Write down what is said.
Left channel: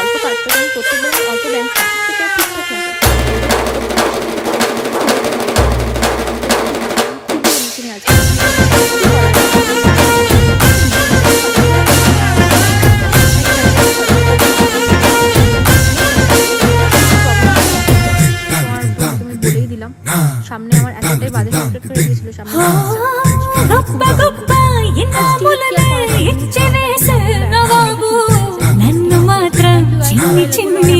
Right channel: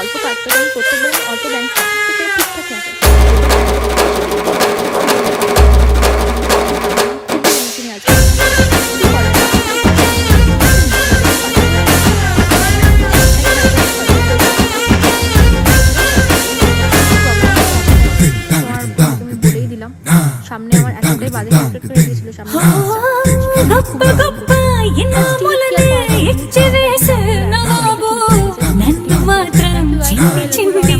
অল্প কাটতে আমি প্রত্যেকবার আমি অল্প ব্যাংক কাটি, সেটা ঠিকঠাক লাগে। খুবই এমনি আছে কি করার তোমার বলেই দিলাম, সামনে আমার এতটাই বাজে ক্যারেক্টার করে দিয়েছিল সামনে నన్ను మాత్రం చిన్ని చిన్ని